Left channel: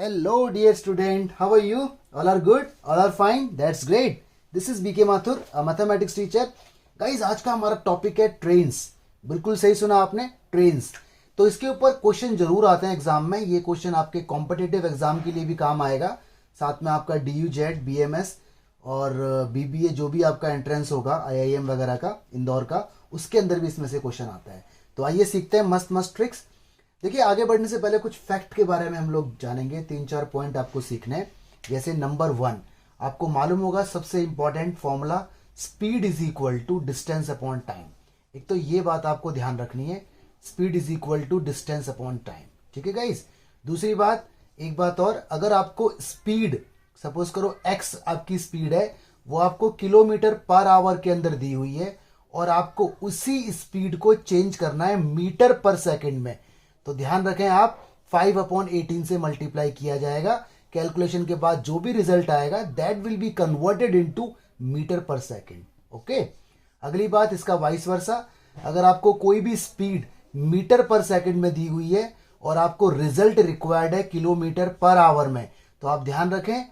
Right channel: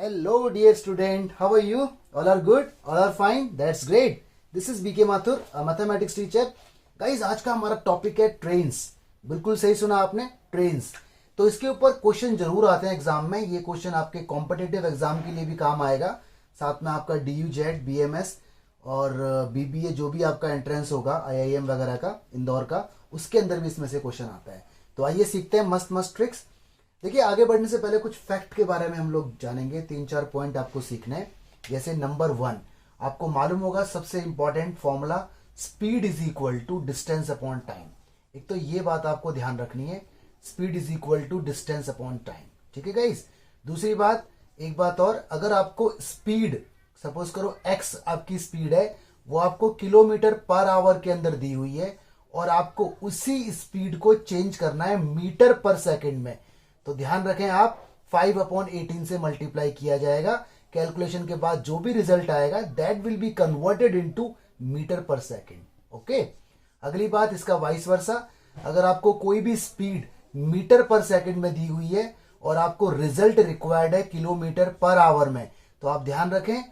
Hello, dear student. How are you? All are good? All are fine? That's great. This is BK Mathur, a mathematics teacher. Guys, आज का हमारा topic है trains. बिल्कुल सही सुना आपने, ट्रेन्स. तो इसके ऊपर क्वेश्चन जरूर आते हैं एग्जाम में. ये क्वेश्चन आपके कॉम्पिटिटिव एग्जाम के लिए भी काम आएगा. साथ में आपका DU-JET, BMS और BBA जो भी आपका एंट्रेंस होगा IIM वगैरह का, इंदौर का, उसके अंदर भी इसमें से क्वेश्चन आता है. तो आइए सीखते हैं मस्त मस्त ट्रिक्स. देखिए, आगे बढ़ने से पहले कुछ फैक्ट के बारे में हम लोग जानेंगे. 3-4 पॉइंट आपको सीखने हैं. जैसे नंबर 1, आपको मालूम होगा सबसे important formula, speed is equal to distance upon time. एक तो ये बात आपको ध्यान रखनी है, speed is equal to distance upon time. ठीक है गाइस. दूसरी बात, एक बात और, अगर आपको स्पीड, सपोज करो x आपकी स्पीड है, वो आपको किलोमीटर पर आवर के अंदर दी हुई है और आपको उसी स्पीड को चेंज करना है मीटर पर सेकंड में, तो ध्यान रखें आप 5/18 से मल्टीप्लाई किया जाएगा. कैलकुलेशन के बाद जो भी रिजल्ट आएगा that will be converted into metre per second. Okay. अगली बात, इसका वाइस वर्सा, अगर आपको कोई भी स्पीड मीटर पर सेकंड में दी हुई है और आपको रिजल्ट रिक्वायर्ड है किलोमीटर पर आवर में, तो आप ध्यान रखें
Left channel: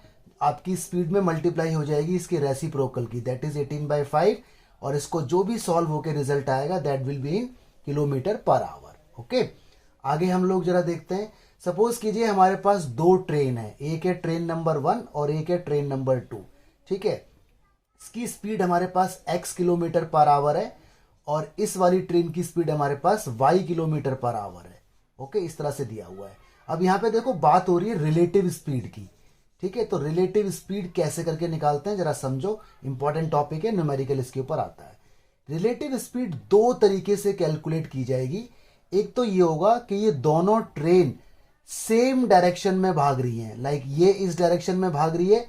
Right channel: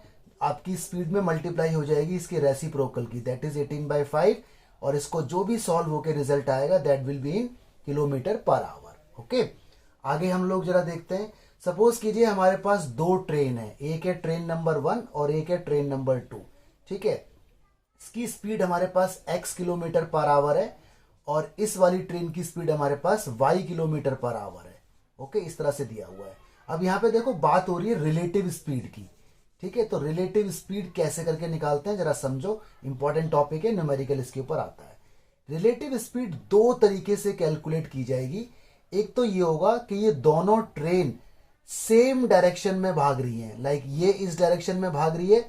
आपकी स्पीड में मल्टीप्लाई हो जाएगी इसकी रेसिप्रोकल की, दैट इज 18/5, और इसको जो भी सॉल्व होकर रिजल्ट आएगा that will be in kilometre per our. Okay. आगे हम लोग जरा देखते हैं. सपोज कीजिए हमारे पास दो ट्रेन है, एक है ट्रेन नंबर 1 और एक है ट्रेन नंबर 2. ठीक है. इसकी स्पीड हमारे पास x किलोमीटर पर आवर है और इस वाली ट्रेन की स्पीड हमारे पास y किलोमीटर पर आवर है. ओके, इस तरह से दिया हुआ है. अब यहां पे देखो बात हो रही है रिलेटिव स्पीड की. ठीक है. तो रिलेटिव स्पीड कैसे करके निकालते हैं जरा समझो. इंपॉर्टेंट टॉपिक है, न्यूमेरिकल इसके ऊपर आता है. रिलेटिव स्पीड दो तरीके से कैलकुलेट की जाएगी. एक तो ये होगा कि ये दोनों ट्रेन सेम डायरेक्शन में भाग रही हैं. लाइक ये इस डायरेक्शन में भाग रही है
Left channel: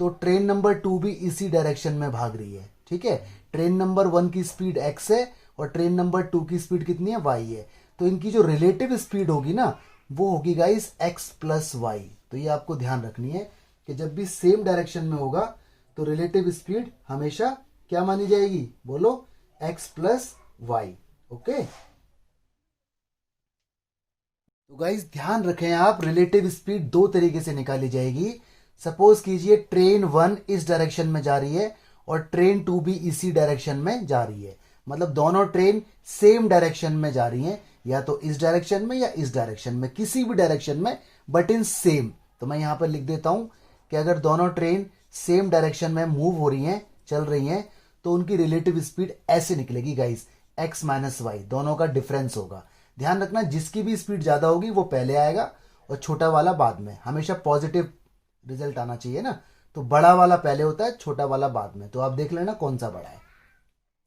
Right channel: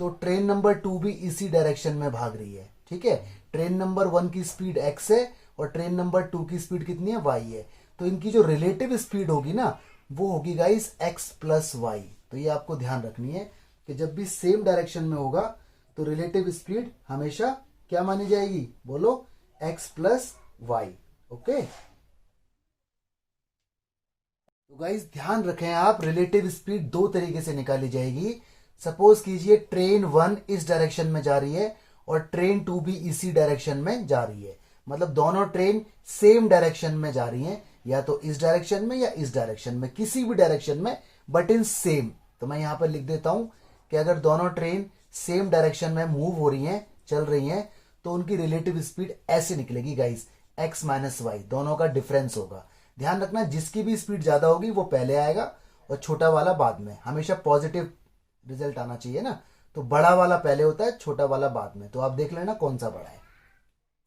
तो ट्रेन नंबर 2 भी इसी डायरेक्शन में भाग रही है. ठीक है. ट्रेन नंबर 1 की स्पीड x है और ट्रेन नंबर 2 की स्पीड कितनी है, y है. तो इनकी जो रिलेटिव स्पीड होगी ना, वो होगी गाइस x प्लस वाई. तो ये आपको ध्यान रखनी है कि जब भी सेम डायरेक्शन में होगा तो रिलेटिव स्पीड हमेशा क्या मानी जाएगी, बोलो, x प्लस वाई. ओके. तो गाइस ध्यान रखें आप, रिलेटिव स्पीड दो तरीके से निकाली जाएगी. सपोज कीजिए ट्रेन 1 इस डायरेक्शन में जा रही है और ट्रेन 2 भी इसी डायरेक्शन में जा रही है. मतलब दोनों ट्रेन सेम डायरेक्शन में जा रही हैं, या तो इस डायरेक्शन में या इस डायरेक्शन में, किसी भी डायरेक्शन में, बट इन सेम. तो मैं यहां पर लिख देता हूं कि अगर दोनों ट्रेन सेम डायरेक्शन में मूव हो रही हैं, चल रही हैं, तो उनकी रिलेटिव स्पीड ऐसे निकलेगी गाइस, x माइनस वाई. दोनों का डिफरेंस होगा. ध्यान रखना, जिसकी भी स्पीड ज्यादा होगी वो पहले आएगा और छोटा वाला बाद में. हमेशा पॉजिटिव रिजल्ट आना चाहिए ना, तो बड़ा वाला पहले होता है, छोटा वाला बाद में. तो आप देख लेना कौन सा बड़ा है.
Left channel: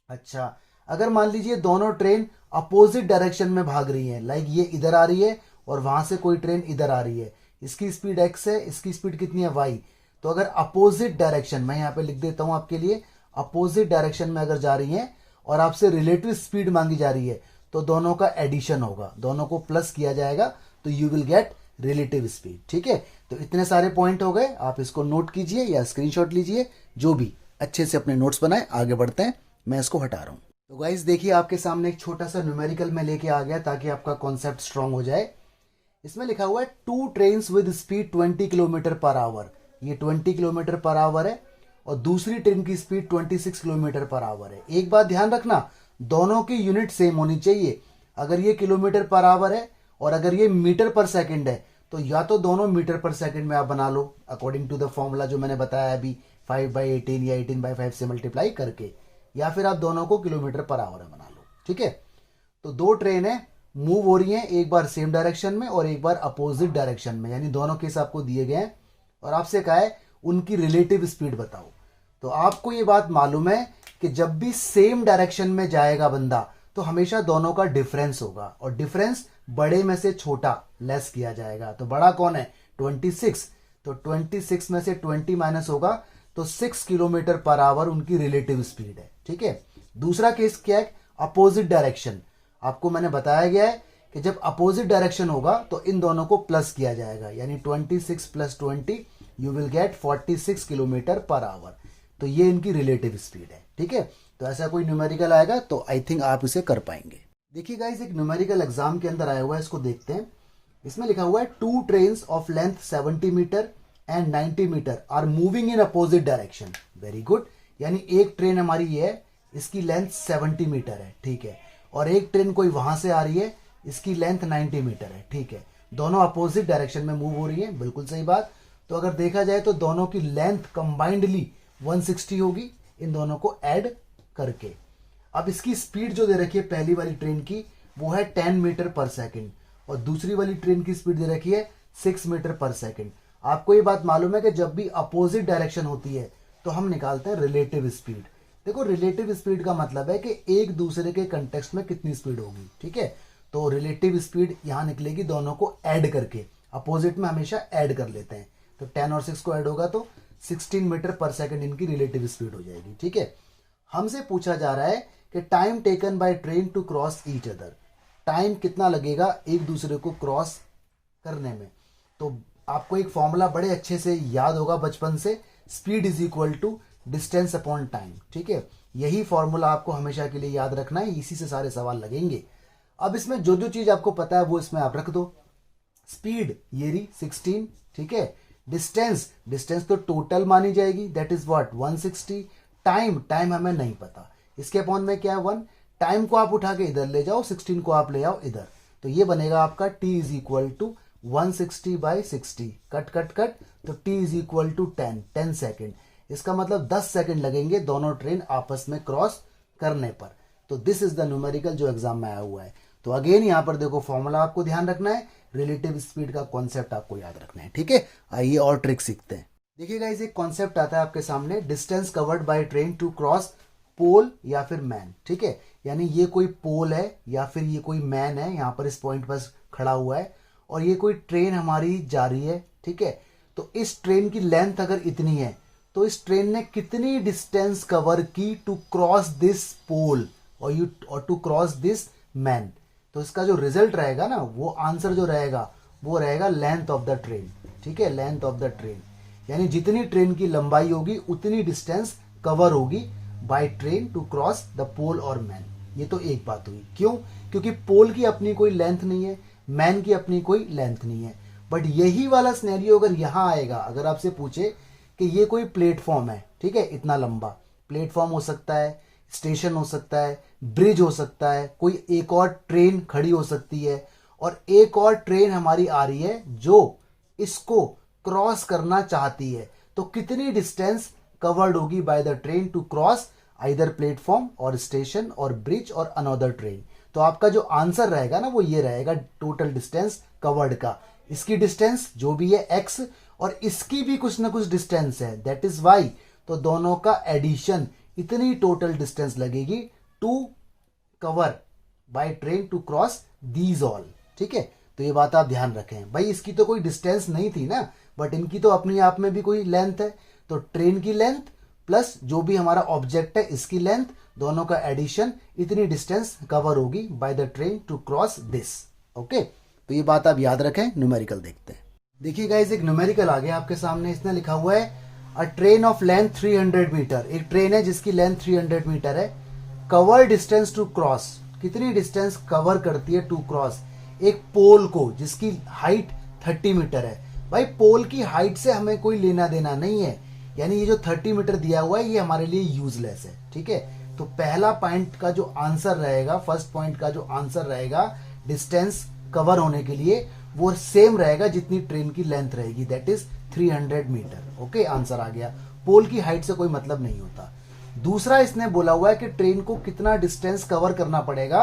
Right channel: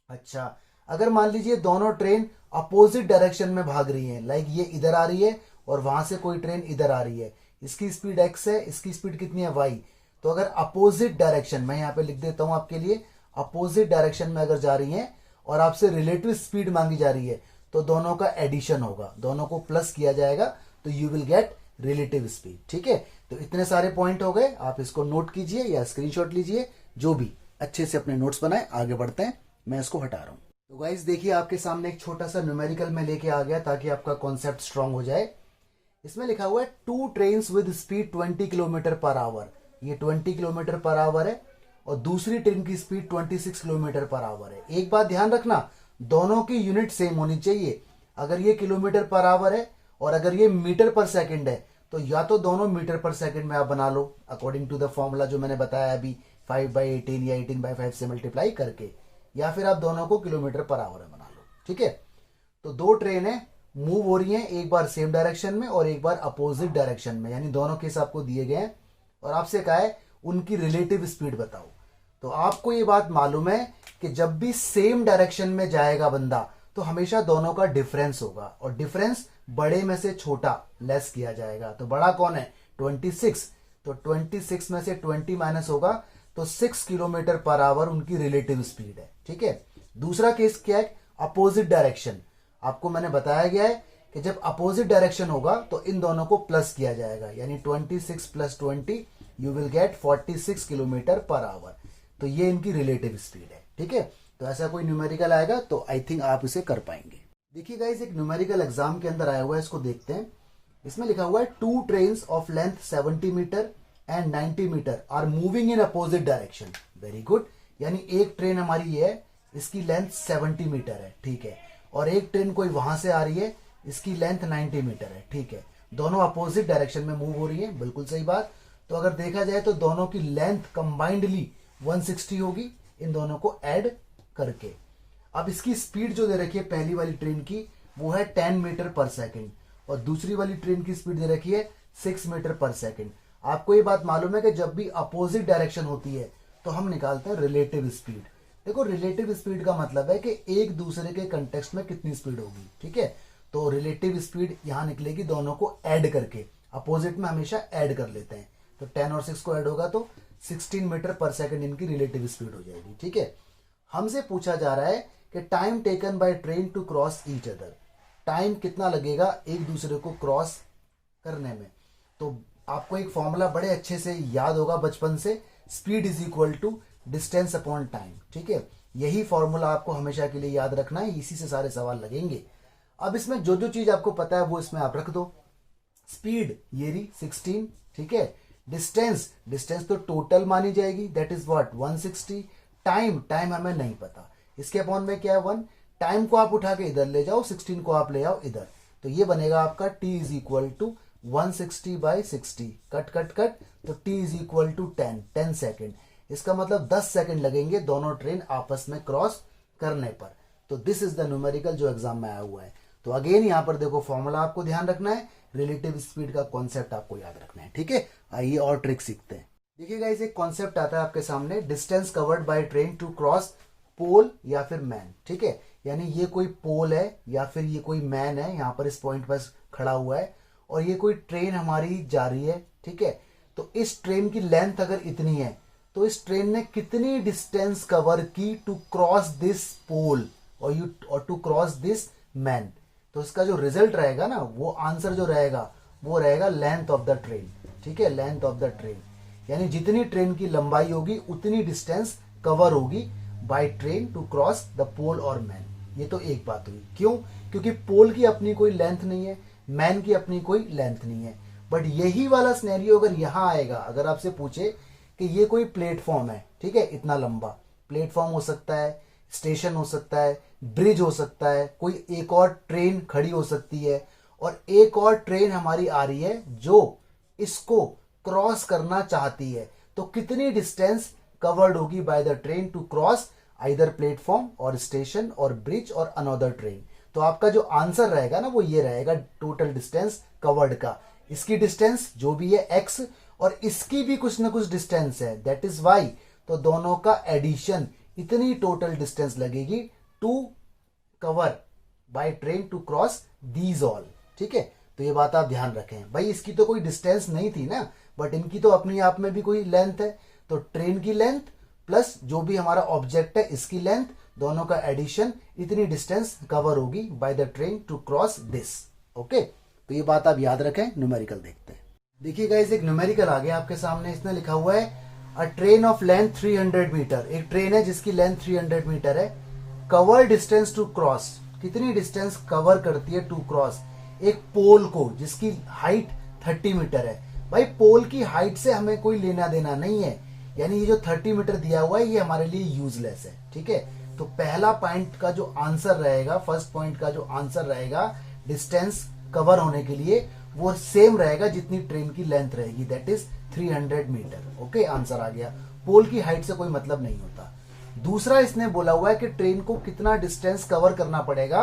अच्छा, अगर मान लीजिए दोनों ट्रेन अपोजिट डायरेक्शन में भाग रही है, लाइक ये इधर आ रही है और वहां से कोई ट्रेन इधर आ रही है, इसकी स्पीड x है, इसकी स्पीड कितनी है, y. तो अगर अपोजिट डायरेक्शन, मैं यहां पे लिख देता हूं आपके लिए, अपोजिट डायरेक्शन में अगर जा रही है और आपसे रिलेटिव स्पीड मांगी जा रही है, तो दोनों का एडिशन होगा, दोनों को प्लस किया जाएगा, तो you will get relative speed. ठीक है. तो इतने सारे पॉइंट हो गए, आप इसको नोट कीजिए या स्क्रीनशॉट लीजिए, जो भी, अच्छे से अपने नोट्स बनाए. आगे बढ़ते हैं, मैं इसको हटा रहा हूं. तो गाइस देखिए, आपके सामने एक छोटा सा न्यूमेरिकल में लेके आ गया ताकि आपका कॉन्सेप्ट स्ट्रांग हो जाए. इसमें लिखा हुआ है 2 train with speed 20 kilometre per our. ये 20 किलोमीटर पर आवर है और दूसरी ट्रेन की स्पीड 26 किलोमीटर पर आवर है. एक बात ध्यान रखना, दोनों की यूनिट सेम होनी चाहिए. अगर ये किलोमीटर पर आवर है और अगर ये मीटर पर सेकंड है, तो या तो दोनों मीटर पर सेकंड में आप बना लो अकॉर्डिंग टू द फॉर्मूला जो मैंने बताया अभी, 5/18 या 18/5 से मल्टीप्लाई करके, या फिर आप दोनों को किलोमीटर पर आवर में बना लो. ठीक है. तो दो ट्रेन है, मूव हो रही हैं, एक बार सेम डायरेक्शन में और एक बार अपोजिट डायरेक्शन में, यानी दोनों केस आपको दिए गए हैं और आपसे कहा है उनकी रिलेटिव स्पीड बताओ. तो आपको ये बात मालूम है कि जब भी सेम डायरेक्शन में जाएगा बंदा, तो हमेशा दोनों का डिफरेंस होगा और डिफरेंस बड़े में से छोटा लेस किया जाएगा. तो बड़ा कौन है, 26. तो 26 में से 20 माइनस होगा तो 6 किलोमीटर पर आवर उनकी रिलेटिव स्पीड है. ठीक है. दूसरा केस क्या है, अपोजिट डायरेक्शन. आपको मैंने बताया गया है कि जब अपोजिट डायरेक्शन होगा तो इन दोनों को प्लस किया जाएगा, यानी 26 plus 20 you will get 46 kilometre per our. तो ये इनकी रिलेटिव स्पीड है. ठीक है. तो ऐसा कोई न्यूमेरिकल आएगा तो आई थिंक आप इसे कर पाएंगे. देखिए गाइस, एक न्यूमेरिकल एग्जाम के अंदर आया हुआ है, इसको देखते हैं. इसमें लिखा हुआ है 2 trains of length 70 metre and 90 metre are moving in opposite direction. Very good, यानी एक ट्रेन हमारी ये है, इसकी लेंथ 70 मीटर है, ठीक है, और एक ट्रेन कोई वहां से आ रही है, इसकी लेंथ 90 मीटर है, ठीक है, दोनों अपोजिट डायरेक्शन में मूव हो रही है, बिल्कुल सही बात। तो अगर देखा जाए तो दोनों की लेंथ कंबाइंडली 160 होगी इन दोनों को ऐड करके। अब इसकी स्पीड जो दे रखी है पहली वाली ट्रेन की वो है 10 मीटर पर सेकंड और दूसरी वाली ट्रेन की स्पीड दे रखी है 6 मीटर पर सेकंड। आपको ये बात मालूम है कि जब भी अपोजिट डायरेक्शन होती है तो हम निकालते हैं रिलेटिव स्पीड। देखो रिलेटिव स्पीड का मतलब है कि एक दूसरे के कंटेक्स्ट में कितनी स्पीड होगी, ठीक है। तो रिलेटिव स्पीड यहां निकलेगी दोनों को ऐड करके, अपोजिट में हमेशा ऐड कर लेते हैं, तो 10 और 6 को ऐड होगा तो 16 मीटर पर सेकंड इनकी रिलेटिव स्पीड हो जाएगी, ठीक है। हमसे पूछा जा रहा है कि time taken by train to cross each other, time कितना लगेगा एक दूसरे को क्रॉस करने में। तो आपको एक फॉर्मूला बड़े अच्छे से याद होगा बचपन से, speed is equal to distance upon time, ठीक है। यही फॉर्मूला आपको हमेशा के लिए याद रखना है, इसी से सारे सवाल लगेंगे। अब इसमें जो जो चीज आपको पता है वो इसमें आप रख दो। स्पीड ये रही 16, ठीक है। डिस्टेंस, डिस्टेंस तो टोटल मानी जाएगी, that is what 160। Time, time हमें नहीं पता, इसके अपॉन में क्या है 1। टाइम को आप उठा के इधर ले जाओ, 16 को आप ले आओ इधर, तो ये बनेगा आपका t is equal to 160 by 60, cut cut cut, तो t is equal to 10 second. इसका मतलब 10 सेकेंड लगेंगे दोनों ट्रेन आपस में क्रॉस करने पर। तो दिस इज द न्यूमेरिकल जो एग्जाम में आया हुआ है। तो अगेन यहां पर देखो फॉर्मूला आपको ध्यान रखना है, रिलेटिव स्पीड का कॉन्सेप्ट आपको याद रखना है, ठीक है। आइए और ट्रिक सीखते हैं। देखिए गाइस एक कॉन्सेप्ट आता है आपके सामने, distance covered by train to cross pole या फिर मैन, ठीक है। यानी ये कोई पोल है या फिर ये कोई मैन है, यहां पर इस पॉइंट पर खड़ा हुआ है और ये कोई ट्रेन हमारी जा रही है, ठीक है। तो इस ट्रेन की लेंथ अगर इतनी है तो इस ट्रेन ने कितनी डिस्टेंस कवर की टू क्रॉस दिस पोल और टू क्रॉस दिस मैन। तो इसका जो रिजल्ट रहेगा ना, वो आंसर जो रहेगा वो रहेगा लेंथ ऑफ द ट्रेन, ठीक है, लेंथ ऑफ द ट्रेन। यानी जितनी ट्रेन की लंबाई होगी उतनी डिस्टेंस कवर होगी by train to cross the pole और मैन। ये तो एक बात हुई, क्यों? क्योंकि पोल की अपनी कोई लेंथ नहीं है, मैन की अपनी कोई लेंथ नहीं है। बट यही वाला सिनेरियो अगर यहां आएगा, अगर आपसे पूछे कि ये कोई प्लेटफॉर्म है, ठीक है, इतना लंबा प्लेटफॉर्म हो सकता है, स्टेशन हो सकता है, ब्रिज हो सकता है, कोई एक और ट्रेन खड़ी हो सकती है और एक और ट्रेन हमारी आ रही है जो इसको क्रॉस करना चाहती है, तो कितनी डिस्टेंस कवर्ड होगी by the train to cross either platform और स्टेशन और ब्रिज और अनदर ट्रेन। तो आपका जो आंसर रहेगा ना वो ये रहेगा टोटल डिस्टेंस कवर्ड का। इसकी डिस्टेंस जो भी है x और इसकी भी कुछ ना कुछ डिस्टेंस है, दैट इज y। तो दोनों का एडिशन इतनी टोटल डिस्टेंस लगेगी to cover by train to cross these all, ठीक है। तो ये बात आप ध्यान रखें भाई, इसकी तो कोई डिस्टेंस नहीं थी ना, बट इनकी तो अपने आप में भी कोई लेंथ है। तो ट्रेन की लेंथ प्लस जो भी हमारा ऑब्जेक्ट है इसकी लेंथ, दोनों का एडिशन, इतनी डिस्टेंस कवर होगी by the train to cross this, okay. तो ये बात आप याद रखें। न्यूमेरिकल देखते हैं। देखिए गाइस एक न्यूमेरिकल आ गया आपके सामने, इसने लिखा हुआ है a train of length 300 metre. एक ट्रेन है जिसकी लेंथ 300 मीटर है, कवर डिस्टेंस टू क्रॉस, कितनी डिस्टेंस कवर करती है टू क्रॉस एक पोल को जिसकी हाइट 30 मीटर है। भाई पोल की हाइट से हमें कोई लेना देना नहीं है, यानी ये जो 30 मीटर दिया हुआ है ये हमारे लिए यूजलेस है, ठीक है। तो पहला पॉइंट का जो आंसर रहेगा, फर्स्ट पॉइंट का जो आंसर रहेगा डिस्टेंस कवर होने के लिए, वो सेम रहेगा जितनी ट्रेन की लेंथ रहेगी, that is 300 metre, okay. Answer आ गया, पोल की हाइट से कोई मतलब नहीं होता। दूसरा इसने बोला हुआ है कि ट्रेन को कितना डिस्टेंस कवर करना पड़ेगा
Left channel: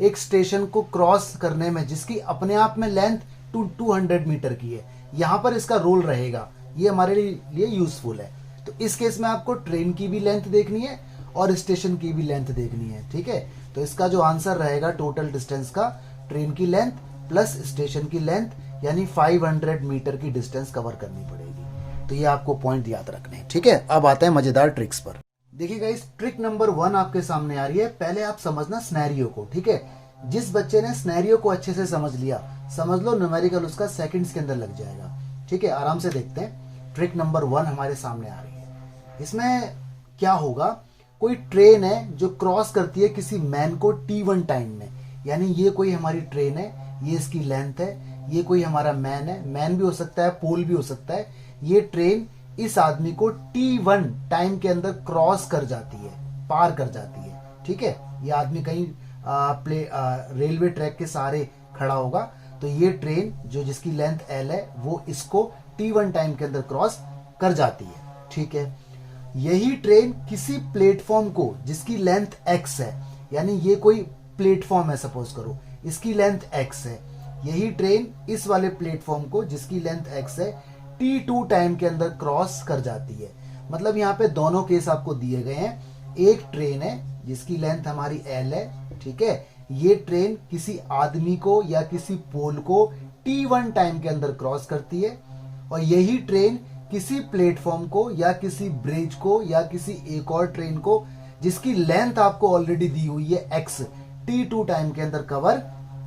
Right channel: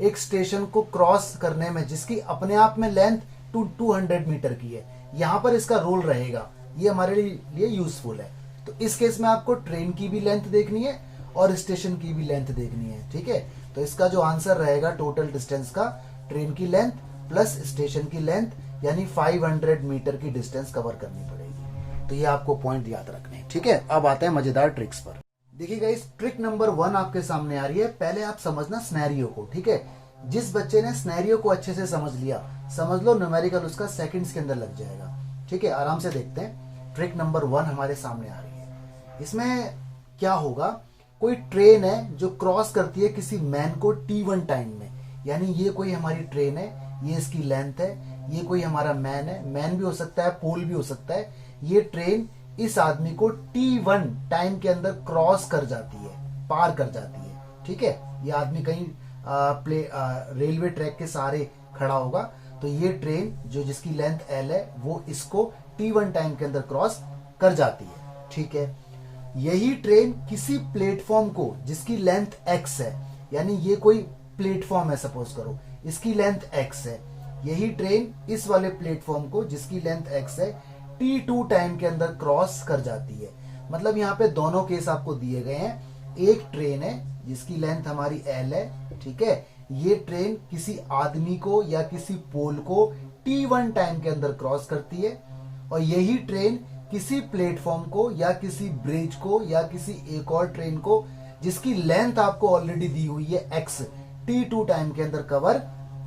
एक स्टेशन को क्रॉस करने में जिसकी अपने आप में लेंथ 200 मीटर की है। यहां पर इसका रोल रहेगा, ये हमारे लिए यूजफुल है। तो इस केस में आपको ट्रेन की भी लेंथ देखनी है और स्टेशन की भी लेंथ देखनी है, ठीक है। तो इसका जो आंसर रहेगा टोटल डिस्टेंस का, ट्रेन की लेंथ प्लस स्टेशन की लेंथ, यानी 500 मीटर की डिस्टेंस कवर करनी पड़ेगी। तो ये आपको पॉइंट याद रखने हैं, ठीक है। अब आते हैं मजेदार ट्रिक्स पर। देखिए गाइस ट्रिक नंबर 1 आपके सामने आ रही है। पहले आप समझना स्नैरियो को, ठीक है। जिस बच्चे ने स्नैरियो को अच्छे से समझ लिया, समझ लो न्यूमेरिकल उसका सेकंड्स के अंदर लग जाएगा, ठीक है। आराम से देखते हैं। ट्रिक नंबर 1 हमारे सामने आ रही है। इसमें क्या होगा, कोई ट्रेन है जो क्रॉस करती है किसी मैन को T1 टाइम में, यानी ये कोई हमारी ट्रेन है, ये इसकी लेंथ है, ये कोई हमारा मैन है, मैन भी हो सकता है, पोल भी हो सकता है। ये ट्रेन इस आदमी को T1 टाइम के अंदर क्रॉस कर जाती है, पार कर जाती है, ठीक है। ये आदमी कहीं रेलवे ट्रैक के सहारे खड़ा होगा, तो ये ट्रेन जो जिसकी लेंथ L है वो इसको T1 टाइम के अंदर क्रॉस कर जाती है, ठीक है। यही ट्रेन किसी प्लेटफॉर्म को जिसकी लेंथ X है, यानी ये कोई प्लेटफॉर्म है, सपोज करो इसकी लेंथ X है, यही ट्रेन इस वाले प्लेटफॉर्म को जिसकी लेंथ X है T2 टाइम के अंदर क्रॉस कर जाती है। मतलब यहाँ पे दोनों केस आपको दिए गए हैं। एक ट्रेन है जिसकी लेंथ हमारी L है, ठीक है, ये ट्रेन किसी आदमी को या किसी पोल को T1 टाइम के अंदर क्रॉस करती है, और यही ट्रेन किसी प्लेटफॉर्म को या किसी ब्रिज को या किसी एक और ट्रेन को जिसकी लेंथ आपको ऑलरेडी दी हुई है X T2 टाइम के अंदर कवर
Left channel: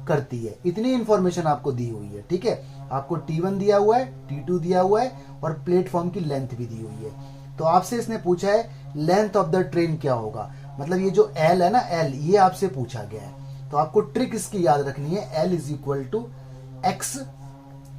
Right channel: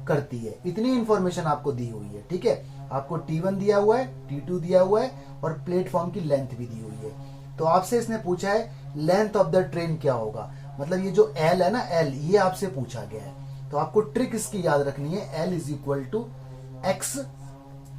करती है। इतनी इंफॉर्मेशन आपको दी हुई है, ठीक है। आपको T1 दिया हुआ है, T2 दिया हुआ है और प्लेटफॉर्म की लेंथ भी दी हुई है। तो आपसे इसने पूछा है लेंथ ऑफ द ट्रेन क्या होगा, मतलब ये जो L है ना, L ये आपसे पूछा गया है। तो आपको ट्रिक इसकी याद रखनी है, L is equal to X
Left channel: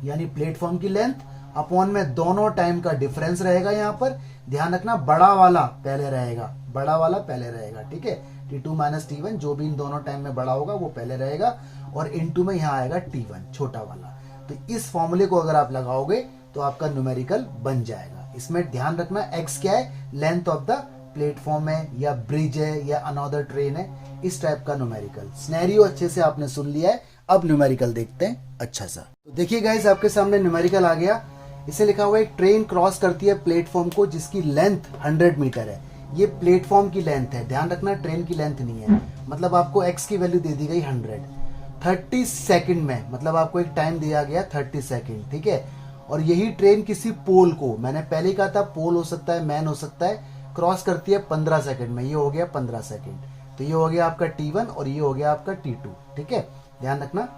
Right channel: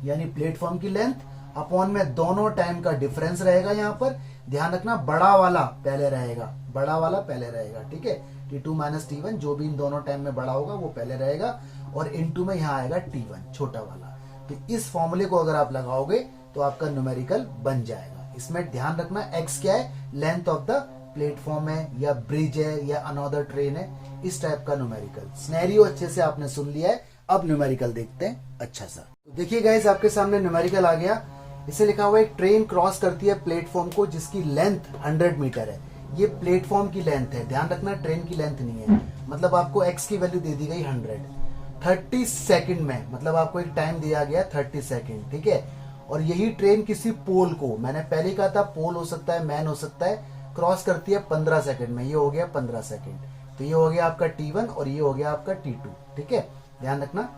यानी प्लेटफॉर्म की लेंथ अपॉन में दोनों टाइम का डिफरेंस रहेगा। यहाँ पर ध्यान रखना बड़ा वाला पहले रहेगा, बड़ा वाला पहले रहेगा, ठीक है। T2 माइनस T1 जो भी इन दोनों टाइम में बड़ा होगा वो पहले रहेगा, और इनटू में यहाँ आएगा T1 छोटा वाला। तो इस फॉर्मूले को अगर आप लगाओगे तो आपका न्यूमेरिकल बन जाएगा। इसमें ध्यान रखना X क्या है, लेंथ ऑफ द प्लेटफॉर्म है या ब्रिज है या अनदर ट्रेन है, इस टाइप का न्यूमेरिकल। सिनेरियो अच्छे से आपने सुन लिया है, अब न्यूमेरिकल देखते हैं अच्छा सा। तो देखिए गाइस, आपके सामने न्यूमेरिकल आ गया। इसे लिखा हुआ है एक ट्रेन क्रॉस करती है प्लेटफॉर्म को जिसकी लेंथ 100 मीटर है। ये प्लेटफॉर्म की लेंथ है, ध्यान रखना ट्रेन की लेंथ नहीं है। मतलब आपको X की वैल्यू दे दी गई 100, 30 सेकंड में, मतलब आपको एक टाइम दिया गया 30 सेकंड, ठीक है। और यही ट्रेन किसी पोल को, मैंने पहले ही कहा था पोल हो सकता है, मैन हो सकता है, क्रॉस करती है 15 सेकंड में। ये हो गया 15 सेकंड, तो ये हो गया आपका T1 और ये हो गया आपका T2, ठीक है। ध्यान रखना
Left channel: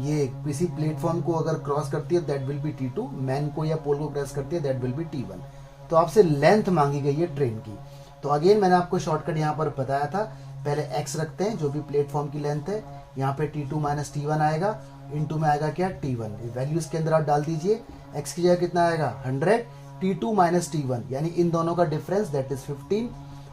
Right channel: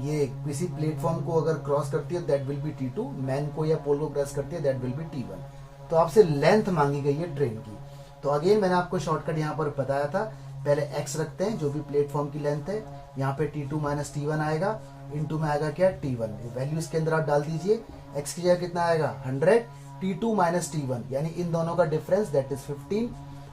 ये किसी प्लेटफॉर्म को अगर क्रॉस करती है that will B T2, man को या पोल को क्रॉस करती है दैट विल बी T1। तो आपसे लेंथ मांगी गई है ट्रेन की। तो अगेन मैंने आपको शॉर्टकट यहाँ पर बताया था, पहले X रखते हैं जो भी प्लेटफॉर्म की लेंथ है, यहाँ पे T2 माइनस T1 आएगा, इनटू में आएगा क्या T1, वैल्यू इसके अंदर आप डाल दीजिए। X की जगह कितना आएगा 100, T2 माइनस T1 यानी इन दोनों का डिफरेंस दैट इज 15,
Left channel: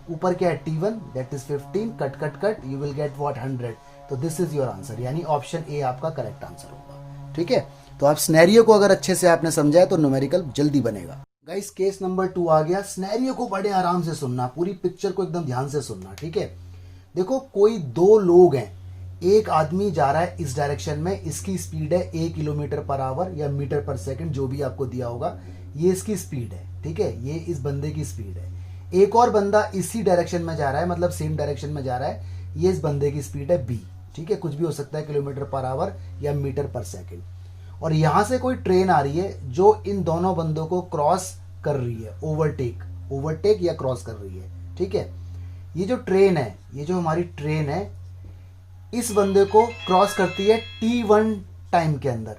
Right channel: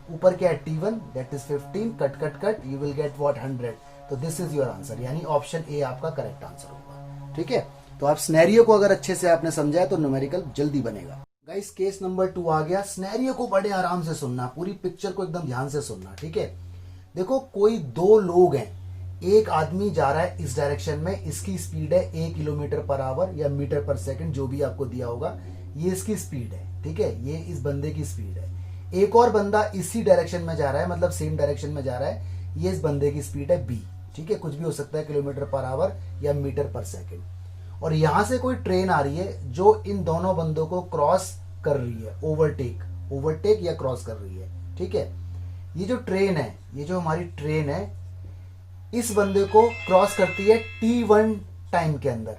ऊपर क्या है T1 that is 15, cut cut cut you will get what 100। तो दिस इज योर आंसर, यानी ऑप्शन ए आपका करेक्ट आंसर होगा, ठीक है। तो आप सिनेरियो को अगर अच्छे से आपने समझा है तो न्यूमेरिकल जल्दी बनेगा। गाइस केस नंबर 2 आ गया। सिनेरियो को बड़े आराम से सुनना, पूरी पिक्चर को एकदम ध्यान से सुनना, ठीक है। देखो कोई दो लोग हैं, एक आदमी जा रहा है इस डायरेक्शन में, इसकी स्पीड है 1 किलोमीटर पर आवर या मीटर पर सेकंड जो भी आपको दिया होगा, ये इसकी स्पीड है, ठीक है, ये इस बंदे की स्पीड है। एक और बंदा इसी डायरेक्शन में जा रहा है, मतलब सेम डायरेक्शन में जा रहा है, ये इस बंदे की स्पीड है b, ठीक है, कुछ भी हो सकता है किलोमीटर पर आवर या मीटर पर सेकंड। और यहां से कोई ट्रेन आ रही है जो इन दोनों बंदों को क्रॉस कर रही है, ओवरटेक या क्रॉस कर रही है, ठीक है। ये जो ट्रेन है, ये जो हमारी ट्रेन है, इस बंदे को क्रॉस करती है T1 टाइम के अंदर,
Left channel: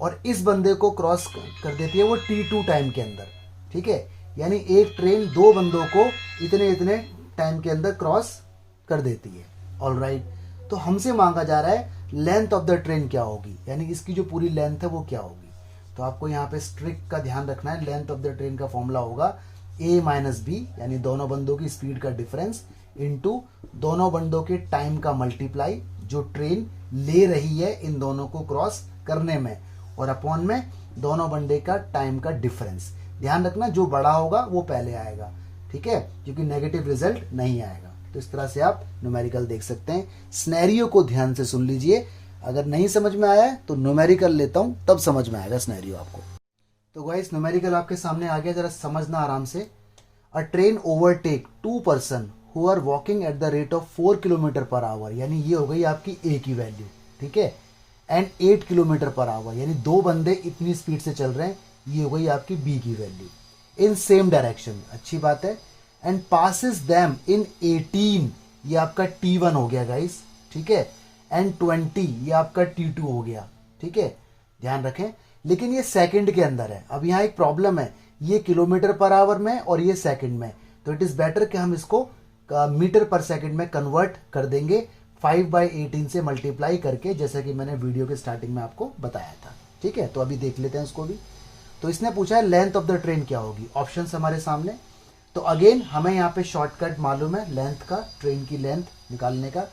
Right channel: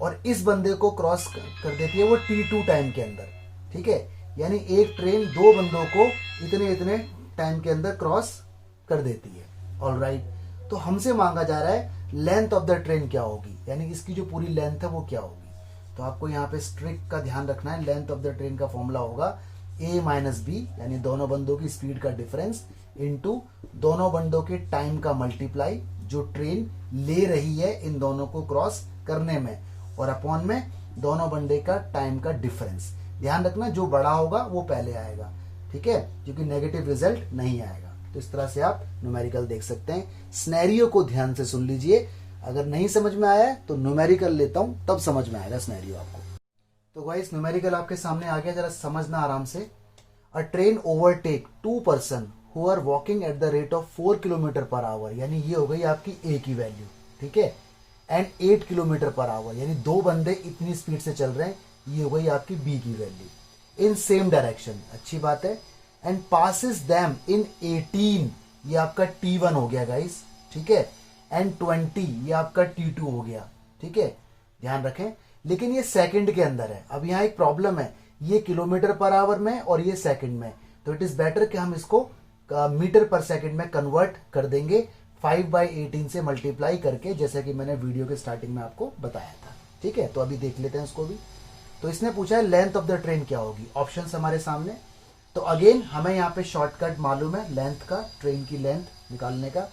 और इस बंदे को क्रॉस कर देती है वो T2 टाइम के अंदर, ठीक है। यानी एक ट्रेन दो बंदों को इतने इतने टाइम के अंदर क्रॉस कर देती है, ऑलराइट। तो हमसे मांगा जा रहा है लेंथ ऑफ द ट्रेन क्या होगी, यानी इसकी जो पूरी लेंथ है वो क्या होगी। तो आपको यहाँ पे स्ट्रिक का ध्यान रखना है, लेंथ ऑफ द ट्रेन का फॉर्मूला होगा a माइनस बी, यानी दोनों बंदों की स्पीड का डिफरेंस इनटू दोनों बंदों के टाइम का मल्टीप्लाई जो ट्रेन ले रही है इन दोनों को क्रॉस करने में, और अपॉन में दोनों बंदे का टाइम का डिफरेंस। ध्यान रखना जो बड़ा होगा वो पहले आएगा, ठीक है, क्योंकि नेगेटिव रिजल्ट नहीं आएगा। तो इस तरह से आप न्यूमेरिकल देख सकते हैं। सिनेरियो को ध्यान से सुन लीजिए, अगर नहीं समझ में आया है तो न्यूमेरिकल लेता हूं तब समझ में आएगा सिनेरियो आपको। तो गाइस न्यूमेरिकल आपके सामने आ गया, जरा समझना आराम से। A train overtake 2 person who are walking at the rate of 4 kilometre per hour, यानी ये हो गई आपकी ए की वैल्यू, ठीक है, एंड 8 किलोमीटर पर आवर, यानी दो बंदे इतनी स्पीड से चल रहे हैं, ये हो गई आपकी बी की वैल्यू, इन सेम डायरेक्शन, अच्छी बात है, एंड पासिस देम इन 18, ये आपका T1 हो गया गाइस, ठीक है, एंड 20 ये आपका T2 हो गया, ठीक है, ध्यान रखें। लेकिन ये सेकंड के अंदर है। अब यहाँ एक प्रॉब्लम है, ये किलोमीटर पर आवर में और ये सेकंड में, तो इट इज बेटर कि हम इसको मीटर पर सेकंड में कन्वर्ट कर देंगे 5/18 से मल्टीप्लाई करके, जैसे कि मैंने वीडियो के स्टार्टिंग में आपको बताया था, ठीक है, तो अभी देख लेते हैं उसको भी। तो इसने पूछा है लेंथ ऑफ द ट्रेन क्या होगी, ऑप्शंस हमारे सामने। तो अगेन हमें यहाँ पे शॉर्टकट मालूम है लेंथ का, ट्रेन की लेंथ निकालने का।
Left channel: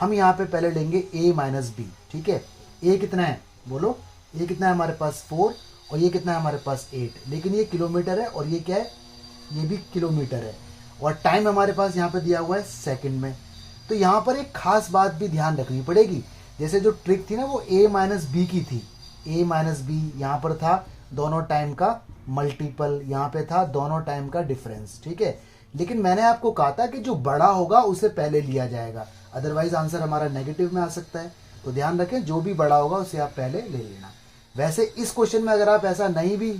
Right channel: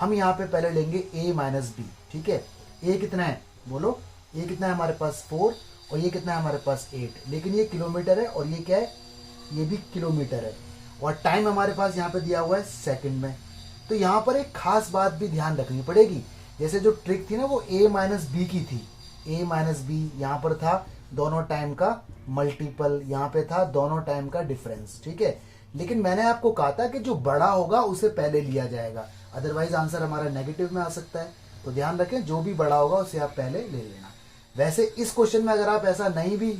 हम यहाँ पे पहले लेंगे a माइनस बी, ठीक है। a कितना है बोलो, a कितना है हमारे पास 4 और ये कितना है हमारे पास 8, लेकिन ये किलोमीटर है और ये क्या है, ये भी किलोमीटर है, और टाइम हमारे पास यहाँ पे दिया हुआ है सेकंड में। तो यहाँ पर एक खास बात भी ध्यान रखनी पड़ेगी, जैसे जो ट्रिक थी ना वो a माइनस बी की थी, a माइनस बी यहाँ पर था दोनों टाइम का मल्टीपल, यहाँ पे था दोनों टाइम का डिफरेंस, ठीक है। लेकिन मैंने आपको कहा था कि जो बड़ा होगा उसे पहले लिया जाएगा, अदरवाइज आंसर हमारा नेगेटिव में आ सकता है। तो ध्यान रखें जो भी बड़ा होगा उसे आप पहले ले लेना। वैसे इस क्वेश्चन में अगर आप ऐसा नहीं भी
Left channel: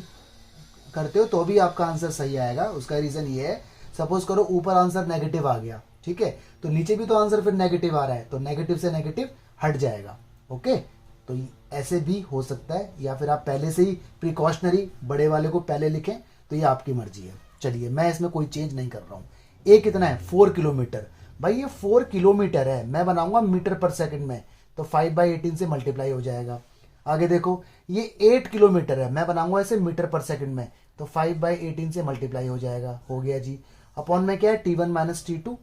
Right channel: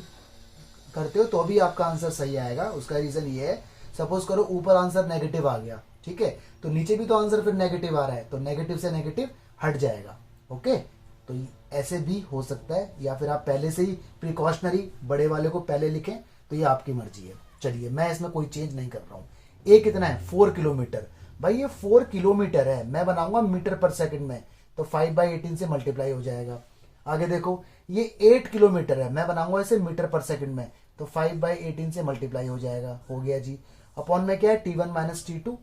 करते हो तो भी आपका आंसर सही आएगा। उसका रीजन ये है, सपोज करो ऊपर आंसर नेगेटिव आ गया, ठीक है, तो नीचे भी तो आंसर फिर नेगेटिव आ रहा है, तो नेगेटिव से नेगेटिव हट जाएगा। ओके, तो ऐसे भी हो सकता है, या फिर आप पहले से ही प्रिकॉशनरी बड़े वाले को पहले लिखें, तो ये आपकी मर्जी है। चलिए मैं इसमें कोई चेंज नहीं कर रहा हूं। ए कितना है 4 किलोमीटर, भाई ये 4 किलोमीटर है, मैं बनाऊंगा मीटर पर सेकंड में, तो 5/18 से मल्टीप्लाई हो जाएगा। आगे देखो ये 8 किलोमीटर है, मैं बनाऊंगा इसे मीटर पर सेकंड में, तो 5/18 से मल्टीप्लाई हो जाएगा। हो गया जी। अपॉन में क्या है T1 माइनस T2,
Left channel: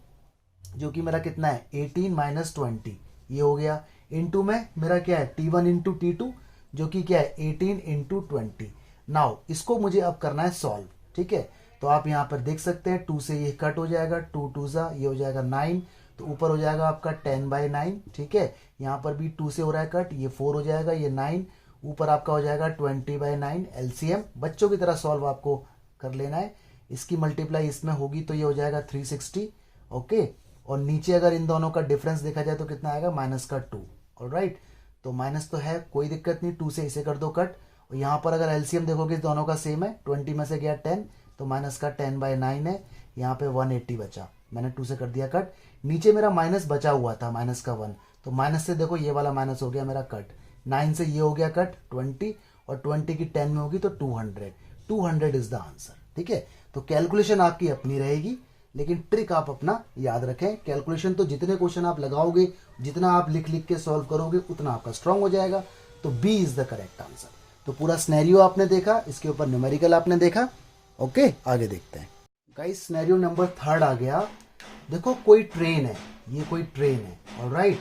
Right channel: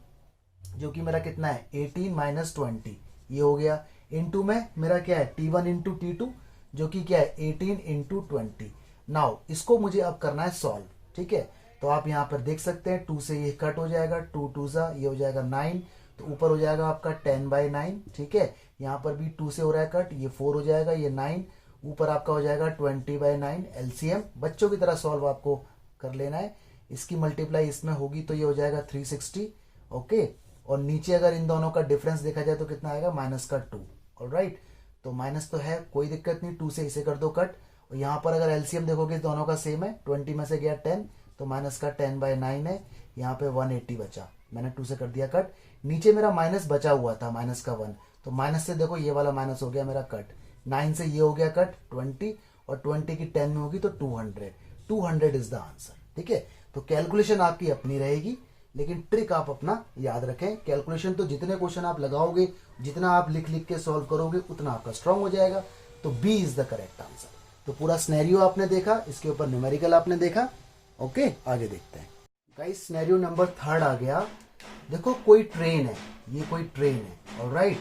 जो कि मेरा कितना है 18 माइनस 20, ये हो गया। इनटू में मेरा क्या है T1 इंटू T2, जो कि क्या है 18 इंटू 20। नाउ इसको मुझे अब करना है सॉल्व, ठीक है। तो आप यहाँ पर देख सकते हैं 2 से ये कट हो जाएगा, 2 2 सा ये हो जाएगा 9, तो ऊपर हो जाएगा आपका 10/9, ठीक है। यहाँ पर भी 2 से हो रहा है कट, ये 4 हो जाएगा, ये 9, ऊपर आपका हो जाएगा 20/9। एलसीएम बच्चों की तरह सॉल्व आपको कर लेना है। इसकी मल्टीप्लाई इसमें होगी तो ये हो जाएगा 360, ओके। और नीचे अगर इन दोनों का डिफरेंस देखा जाए तो कितना आएगा -2। ऑलराइट, तो माइनस तो है, कोई दिक्कत नहीं, 2 से इसे कर दो कट। और यहाँ पर अगर एलसीएम देखोगे दोनों का सेम है, 20 में से गया 10, तो -10/9 है। यहाँ पे 180 बचा, मैंने 2 से कर दिया कट। नीचे मेरा माइनस बचा हुआ था -1, तो माइनस से देखो ये वाला माइनस हो गया मेरा कट। 9 से ये हो गया कट 20, और 20 की 10 में होगी तो 200 इज द आंसर, ठीक है। तो कैलकुलेशन आपकी अपनी रहेगी, लेकिन ट्रिक आप अपना याद रखें। कैलकुलेशन तो जितने क्वेश्चन आप लगाओगे, जितना आप लिख लिख के सॉल्व करोगे, उतना आपका स्ट्रांग हो जाएगा। तो B is the correct answer. तो पूरा सिनेरियो आपने देखा, इसके ऊपर न्यूमेरिकल आपने देखा। ओके, आगे देखते हैं गाइस। सिनेरियो नंबर 3 आ गया। देखो कोई ट्रेन है, ये कोई ट्रेन है, ऑलराइट।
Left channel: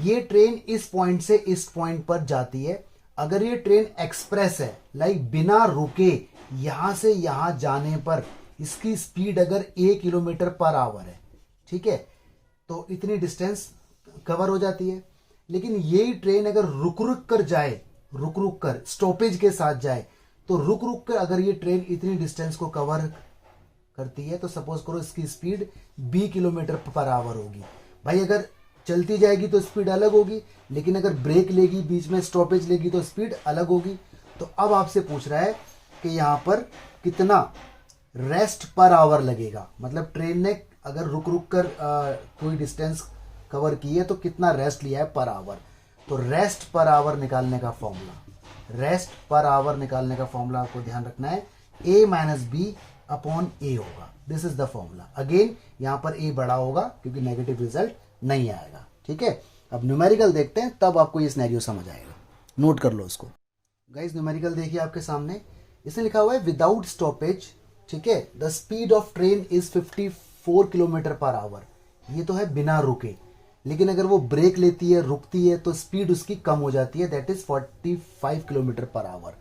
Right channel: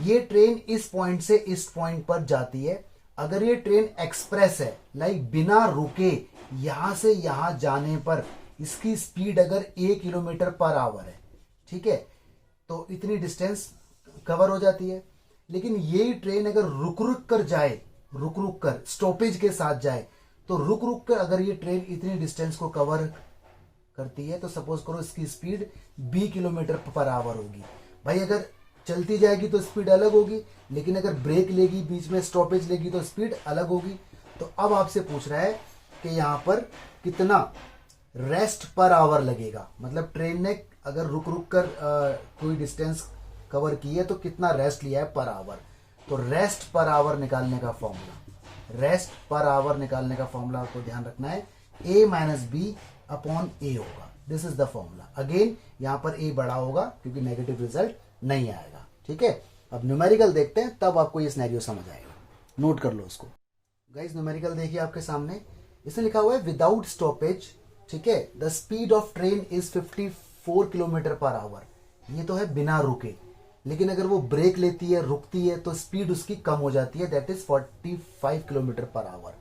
ये ट्रेन इस पॉइंट से इस पॉइंट पर जाती है। अगर ये ट्रेन एक्सप्रेस है, लाइक बिना रुके यहां से यहां जाने पर इसकी स्पीड अगर 1 किलोमीटर पर आवर है, ठीक है, तो इतनी डिस्टेंस कवर हो जाती है। लेकिन यही ट्रेन अगर रुक रुक कर जाए, रुक रुक कर स्टॉपेज के साथ जाए, तो रुक रुक कर अगर ये ट्रेन इतनी डिस्टेंस को कवर करती है, तो सपोज करो इसकी स्पीड 20 किलोमीटर पर आवर होगी। भाई अगर चलती जाएगी तो स्पीड अलग होगी, लेकिन अगर ब्रेक लेगी, बीच में स्टॉपेज लेगी, तो स्पीड अलग होगी। तो अब आपसे पूछ रहा है कि यहां पर कितना रेस्ट पर आवर लगेगा, मतलब ट्रेन ने अगर रुक रुक कर कोई डिस्टेंस कवर की है तो कितना रेस्ट लिया है पर आवर। तो रेस्ट पर आवर निकालने का फॉर्मूला, रेस्ट पर आवर निकालने का फॉर्मूला आपको ध्यान रखना है, a माइनस बी अपॉन ए होगा। This is the formula. Again यहां पर a बड़ा होगा क्योंकि नेगेटिव रिजल्ट नहीं आएगा, ठीक है। अब न्यूमेरिकल देखते हैं, तब आपको ये सिनेरियो समझ आएगा। नोट कर लो उसको गाइस। न्यूमेरिकल देखिए आपके सामने, इसमें लिखा हुआ है विदाउट स्टॉपेज, ठीक है, the speed of train is 54 kilometre per our. ये तो है बिना रुके, लेकिन अगर वो ब्रेक लेती है, रुकती है, तो स्पीड उसकी कम हो जाती है, that is 45 kilometre per our.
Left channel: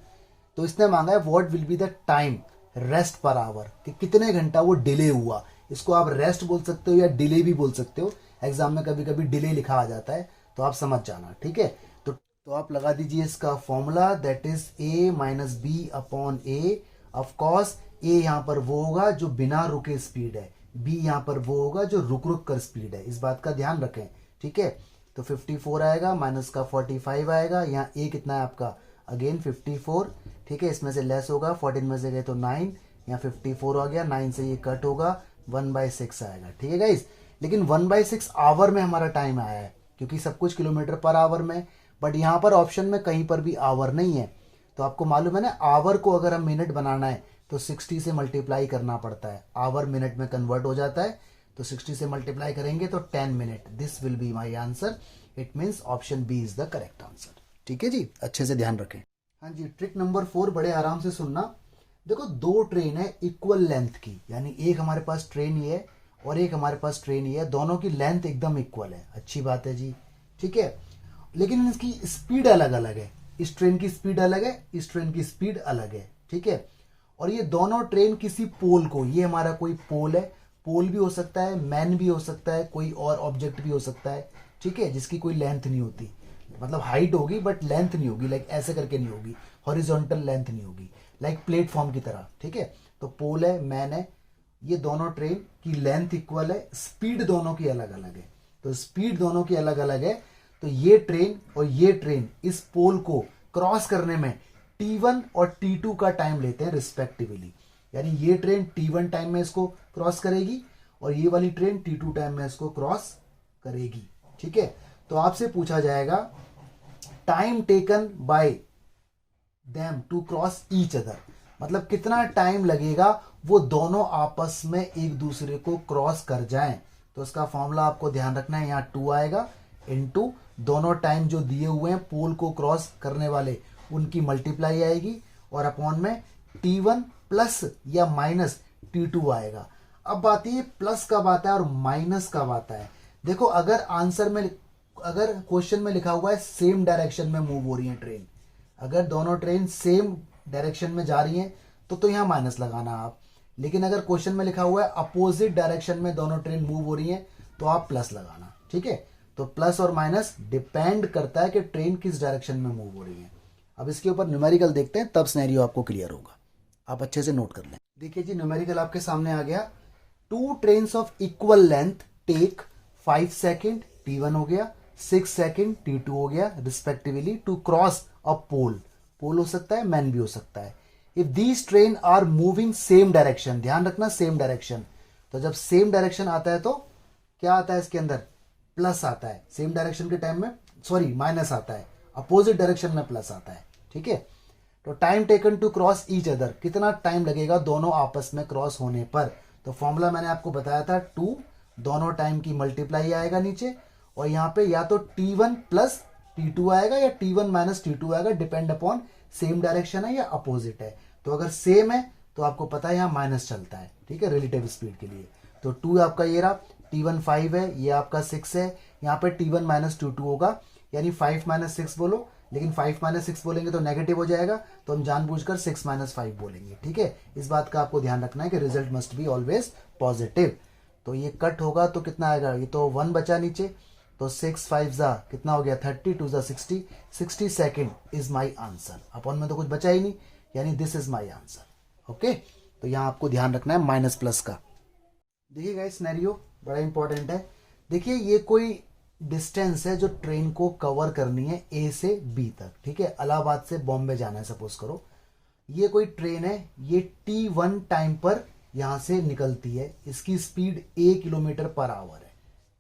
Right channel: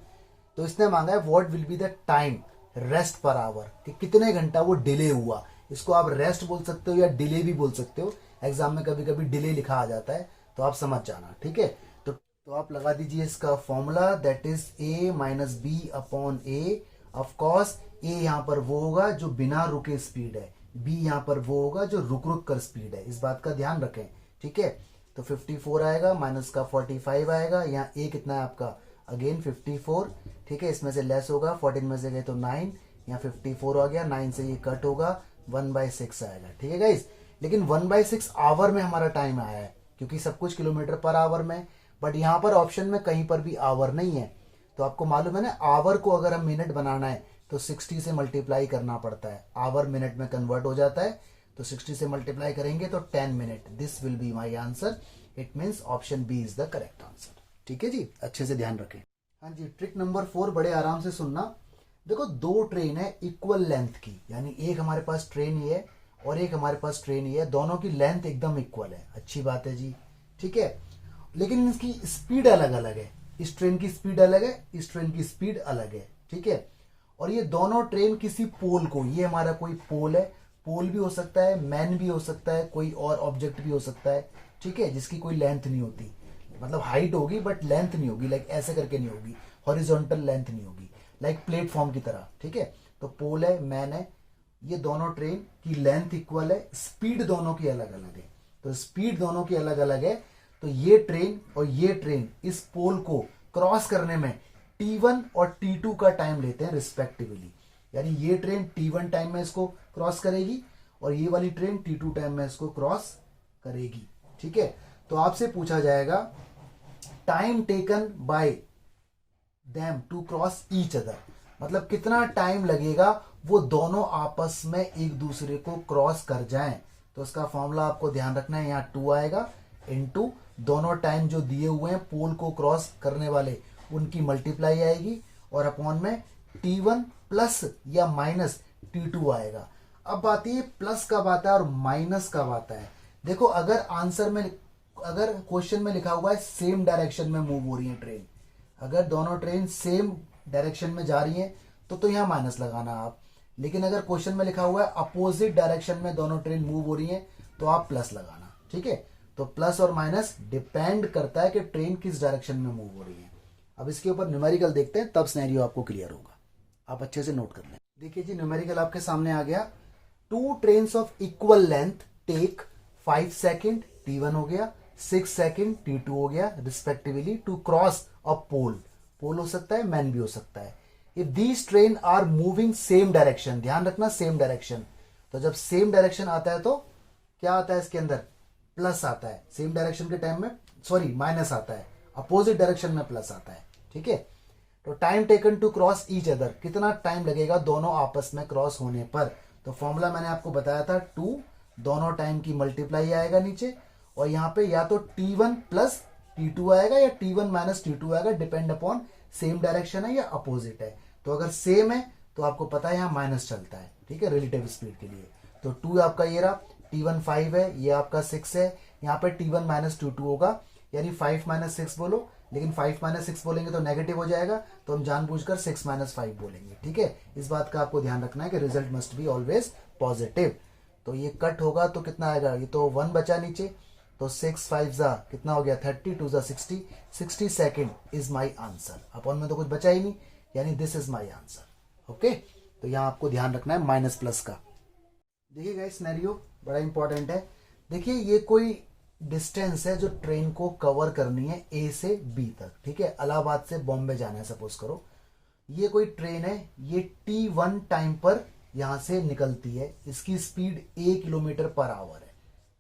तो इसने मांगा है what will be the time rest per hour, कि कितने घंटा वो डिले हुआ। इसको आप रेस्ट बोल सकते हो या डिले भी बोल सकते हो, एग्जाम में कभी कभी डिले लिखा आ जाता है, तो आप समझ जाना, ठीक है। तो आप लगा दीजिए इसका formula, that is a minus b upon a. Of course a यहां पर वो होगा जो बिना रुके स्पीड है, b यहां पर वो होगा जो रुक रुक कर स्पीड है, इस बात का ध्यान रखें, ठीक है। तो 54 आएगा, माइनस का 45 आएगा, यहाँ a कितना है आपका, अगेन 54, ठीक है। इसमें से लेस होगा, 14 में से गए तो 9, यहाँ 54 आ गया, 9 से ये कट होगा, 1/6 आएगा, ठीक है गाइस। लेकिन 1/6 आवर में हमारा टाइम आया है, क्योंकि सब कुछ किलोमीटर पर आवर में, बट यहाँ पर ऑप्शन में कहीं पर भी आवर नहीं है। तो आपको मालूम है ना, आवर को अगर हम मिनट बनाना है तो 60 से मल्टीप्लाई करना पड़ता है, आवर मिनट में कन्वर्ट हो जाता है, तो 60 से मल्टीप्लाई करेंगे तो 10 minute. This will be my answer. It means option B is the correct answer, ठीक है जी, अच्छे से ध्यान रखें। हाँ जी, ट्रिक नंबर 4 बड़े आराम से सुनना। देखो, दो ट्रेन है इक्वल लेंथ की, यानी एक हमारे पास ट्रेन ये है और एक हमारे पास ट्रेन ये है, दोनों की लेंथ एकदम इक्वल है, अच्छी बात है जी, ठीक है। लेकिन इसकी स्पीड अलग अलग है, इस ट्रेन की स्पीड अलग है, इस ट्रेन की स्पीड अलग है, ठीक है। और ये दोनों ट्रेन किसी पोल को, ये हमारा कोई पोल है, पोल भी हो सकता है, मैन भी हो सकता है, कोई और ऑब्जेक्ट भी हो सकता है, ठीक है, जिसकी कोई लेंथ नहीं होती, मतलब हाइट होगी बट लेंथ नहीं होगी, लाइक ऐसे करके नहीं होगी, हॉरिजॉन्टल लेंथ नहीं होगी, लाइक प्लेटफॉर्म की तरह, ठीक है। तो पोल है, मैन है, ये दोनों ट्रेन की लेंथ इक्वल है, स्पीड दोनों की अलग अलग है। तो स्पीड दोनों की अलग अलग है, तो ये ट्रेन और ये ट्रेन इस पोल को क्रॉस करने में T1 और T2 का टाइम लेते हैं रिस्पेक्टिवली, यानी ये ट्रेन T1 टाइम में इसको क्रॉस करेगी और ये वाली ट्रेन T2 टाइम में इसको क्रॉस करेगी, ठीक है। तो आपसे पूछा जाएगा time taken by them to cross each other, मतलब कितना टाइम लगेगा वो दोनों आपस में एक दूसरे को क्रॉस कर जाएं। तो उसका फॉर्मूला आपको ध्यान रखना है, यहाँ 2 आएगा, इनटू दोनों टाइम जो दिए हुए हैं पोल को क्रॉस करने वाले उनकी मल्टीप्लाई आएगी, और अपॉन में T1 प्लस या माइनस T2 आएगा। अब बात ये प्लस कब आता है और माइनस कब आता है। देखो, अगर आंसर में, अगर क्वेश्चन में लिखा हुआ है सेम डायरेक्शन में मूव हो रही है ट्रेन, अगर दोनों ट्रेन सेम डायरेक्शन में जा रही हैं तो यहाँ माइनस लगाना आप। लेकिन अगर क्वेश्चन में लिखा हुआ है अपोजिट डायरेक्शन में दोनों ट्रेन मूव हो रही हैं तो आप प्लस लगाना, ठीक है। तो प्लस और माइनस डिपेंड करता है कि ट्रेन किस डायरेक्शन में मूव हो रही है। अब इसके ऊपर न्यूमेरिकल देखते हैं, तब सिनेरियो आपको क्लियर होगा, आप अच्छे से नोट कर लें। देखिए जी, न्यूमेरिकल आपके सामने आ गया। Two trains of equal length take 5 second, T1 हो गया, 6 सेकेंड T2 हो गया respectively, to cross a pole, pole हो सकता है, मैन भी हो सकता है। If these train are moving same direction, ध्यान रखना सेम डायरेक्शन, तो जब सेम डायरेक्शन आता है तो क्या आता है इसके अंदर, प्लस आता है, सेम डायरेक्शन के टाइम में सॉरी माइनस आता है, अपोजिट डायरेक्शन में प्लस आता है, ठीक है। तो time taken to cross each other, कितना टाइम लगेगा दोनों आपस में क्रॉस होने पर। तो फॉर्मूला मैंने आपको बताया था 2, दोनों टाइम की मल्टीप्लाई आएगा नीचे, और यहाँ पे या तो T1 प्लस T2 आएगा या T1 माइनस T2 आएगा, डिपेंड अपॉन सेम डायरेक्शन है या अपोजिट है। तो अगर सेम है तो आपको पता है यहाँ माइनस चलता है, ठीक है, रिलेटिव स्पीड के लिए। तो 2 आपका ये रहा, T1 5 है, ये आपका 6 है, यहाँ पे T1 माइनस T2 होगा, यानी 5 माइनस 6 बोलो, लेकिन 5 माइनस 6 बोलेंगे तो नेगेटिव हो जाएगा, तो हम जानबूझकर 6 माइनस 5 बोलेंगे, ठीक है। इस बात का आपको ध्यान रखना है कि result must be always positive. तो ये कट होगा तो कितना आएगा, ये तो 1 बचा नीचे, तो 6 5 जा कितना हो गया 30, 2 जा 60, 60 second is my answer. Upon में तो कुछ बचा ही नहीं, यानी this is my answer, okay. तो यहाँ आपको ध्यान रखना है माइनस प्लस का। देखिए गाइस, सिनेरियो बड़ा इंपॉर्टेंट है। देखिए, ये कोई डिस्टेंस है जो ट्रेन को कवर करनी है A से B तक, ठीक है, इलाहाबाद से बॉम्बे जाना है सपोज करो। ये कोई ट्रेन है, ये T1 टाइम पर यहां से निकलती है, इसकी स्पीड 1 किलोमीटर पर आवर है,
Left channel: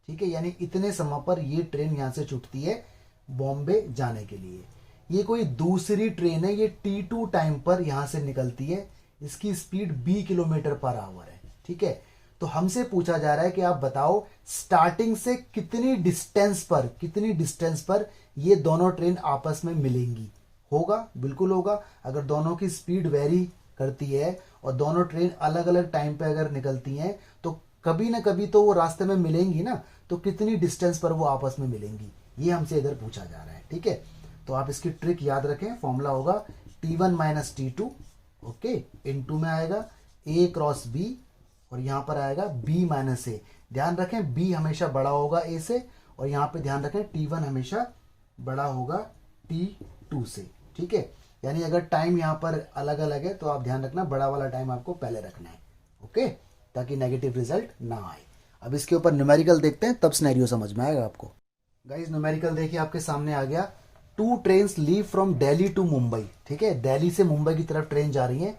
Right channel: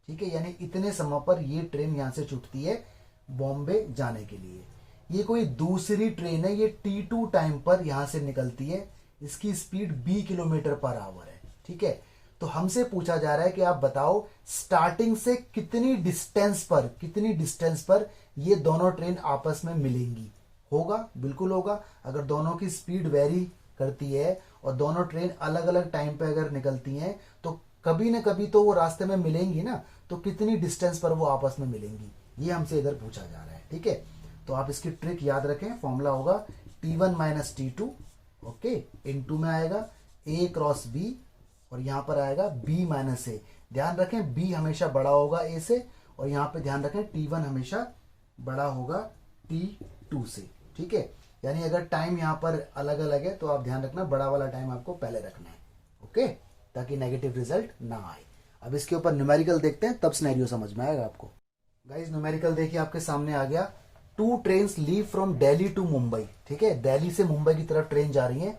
ठीक है, यानी इतने समय पर ये ट्रेन यहां से छूटती है बॉम्बे जाने के लिए। ये कोई दूसरी ट्रेन है, ये T2 टाइम पर यहां से निकलती है, इसकी स्पीड 20 किलोमीटर पर आवर है, ठीक है। तो हमसे पूछा जा रहा है कि आप बताओ स्टार्टिंग से कितनी डिस्टेंस पर ये दोनों ट्रेन आपस में मिलेंगी। होगा, बिल्कुल होगा। अगर दोनों की स्पीड वेरी करती है और दोनों ट्रेन अलग अलग टाइम पे अगर निकलती हैं तो कभी ना कभी तो वो रास्ते में मिलेंगी ना, तो कितनी डिस्टेंस पर वो आपस में मिलेंगी, ये हमसे इधर पूछा जा रहा है, ठीक है। तो आप इसकी ट्रिक याद रखें, फॉर्मूला होगा T1 minus T2, okay, into में आएगा A क्रॉस B, और यहां पर आएगा B माइनस ए। ध्यान रखें B हमेशा बड़ा होगा A से, और यहां पे ध्यान रखें T1 हमेशा बड़ा होगा T2 से, ठीक है। यानी अगर टाइम यहां पर अलग अलग है तो आप ध्यान रखना बड़ा वाला टाइम आपको पहले रखना है, ओके, ताकि नेगेटिव रिजल्ट ना आए। अब इसके ऊपर न्यूमेरिकल देखते हैं, तब सिनेरियो समझ में आएगा आपको। गाइस, न्यूमेरिकल देखिए आपके सामने आ गया। 2 trains leave from Delhi to Mumbai, ठीक है, दिल्ली से मुंबई की तरफ ट्रेन जा रही है।